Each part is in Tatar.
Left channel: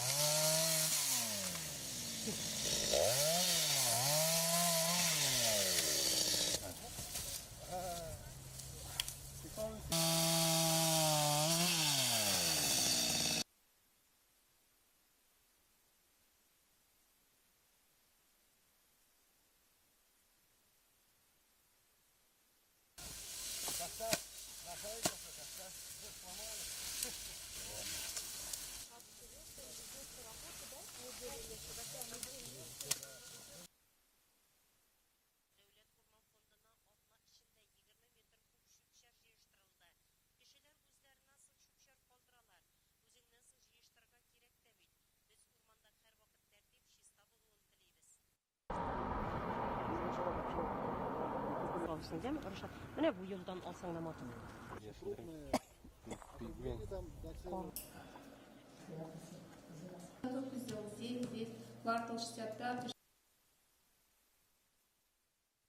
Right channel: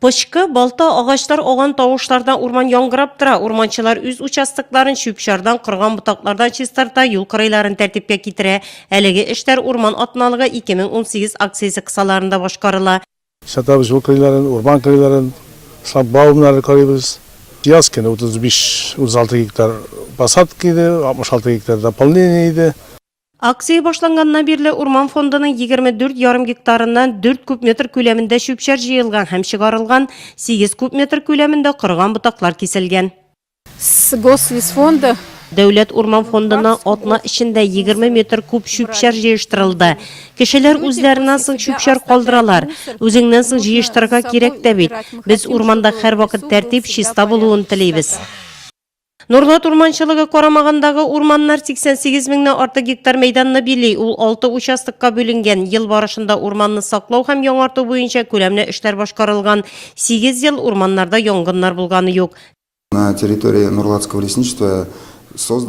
Pışkı, balta, ağaçlar oğan tavuşlardan urman yangırap tıra. Urmançılar üz uçastıkların şüpşardan, kırgan butaklardan çistarda yol kırayların tertipke kitire. Elege işler urman atnalığı 2018 aksiyesi kısalarında başkarıla. Şata biz o kırayların, urman kırayların, bağımları karayımız. Yazken 35-36 hektar basat giydi, 66 hektar da palniydi. Aksiya başlanğandan birli Urman Fondu'nun 24,5 hektarından 4 kub metr köleminde şüpşer jıyılgan hem çıkarılgan, 8 kub metr köleminde kırgan butaklar kesilgen. С Гослесфонда Devlet Urman Fondu'na otna içinde 20 metr kub şüpşer jıyıştırıldı. Kişiler üzlerinden sıng şüpşer kaldıralar. Özünden sıng jıyıştırga gerek de bit. Biz urmanda her vakit tertip şista buluğun tileybiz. Nurlat urmançılığı koramağındağı urmanlar 88 binden artık hektar meydanını birliği, ul 6 uçastıkka bölüngen. Yıl barışında urmanını saklaw hem yonartı boyunca kölemne işler başkarılgan. 8 yıl urmanlarda yongınlar bulganı yok. На территории Нурлатского лесничества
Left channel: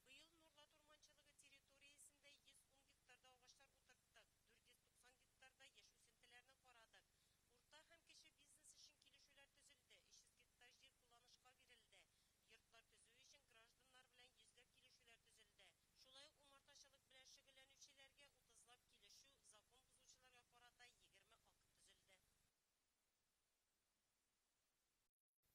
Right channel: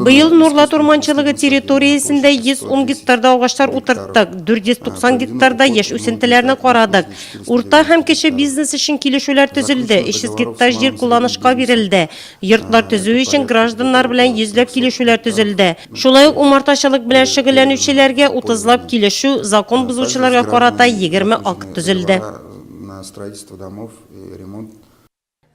Bıyıl Nurlat urmançılığı teritoriyasında 110 hektarda ağaçlar oturttuk. 490 hektarda yaş üsüntilerini koradık. Urta hem kişi biznes için kilişüler tüzüldü. İşsiz gittaj yer kullanışka verildi. Yurtlar tüzüğü için grajdanlar bilen yüzlep kilişüler tüzüldü. Şulay umartaşılık bilen şıgılanuvchilerge 30'lap kilişu, zakon buzucularga korata 20 akt tüzüldü. на строительство домов и ремонт.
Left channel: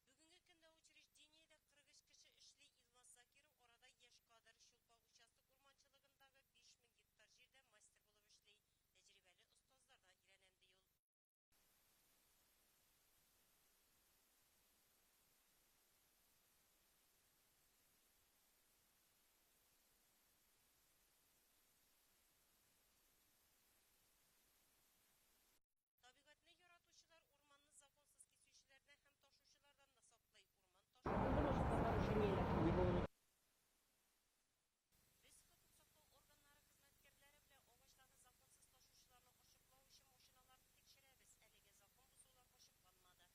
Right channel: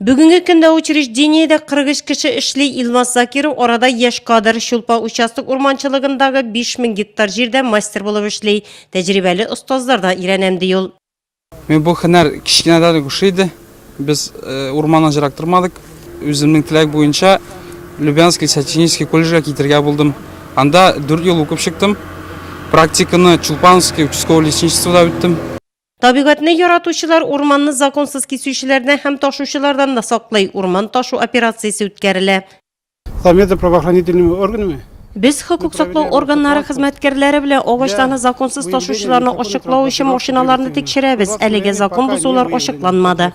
Bugünkü günde учреждениеде 40 kişi işli İlmaz Zakirov orada yaş kadar şulpa uçastık urmançılığındağı 5000 hektar жерде master bulup işley. Tecrübeli ustazlardan irenemdi yol. Мен бұл хәнәр кішкенеден күшейді. Біз орманнан жырақтырмадық. Өзімнің тілек бойынша Любянский Сочинский колледжге кетерге болдым. Анда 4 yıl оқып шықтым. Практиканы Чулпановский участковый лесничествода өттім. Tabiatını yaratuşular ormanını zakonsuz kesüşçilerden hem taşuşulardan da saklay. Orman taşı operasyası ötkərilə. Там это правоохранительными органами. Biz hukuk saklау organları hizmetkarları bile ağaçlarını zakonsuz taşuşularını aşıklağı için maşinalarını tekşirəbiz. Əlige zakon buzular aşıklanmadı.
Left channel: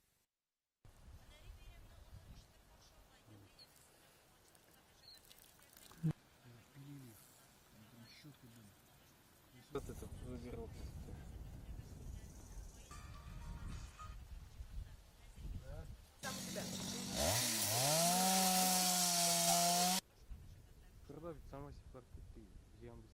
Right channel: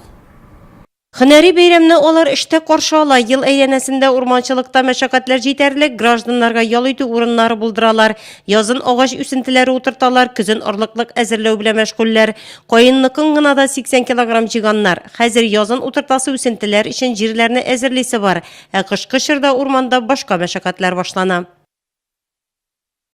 Hınari beyramni olar işte qarşıala. Yıl eylenesinde urmançılıkta meşakkatler yeterlik, grajdanlarga yalıydı urunları bulduralar. Yazın ağaç üsüntileri oturtalar, kızın ırlıklık əzirləu bile meşguller. Qoyunlıqın gınada 80 kilogram ciganlar. Hazır yazın oturtası üsüntiler için jirlerini əzirlisi var. Qış-qışırda urmanda başka meşakkatler başlana.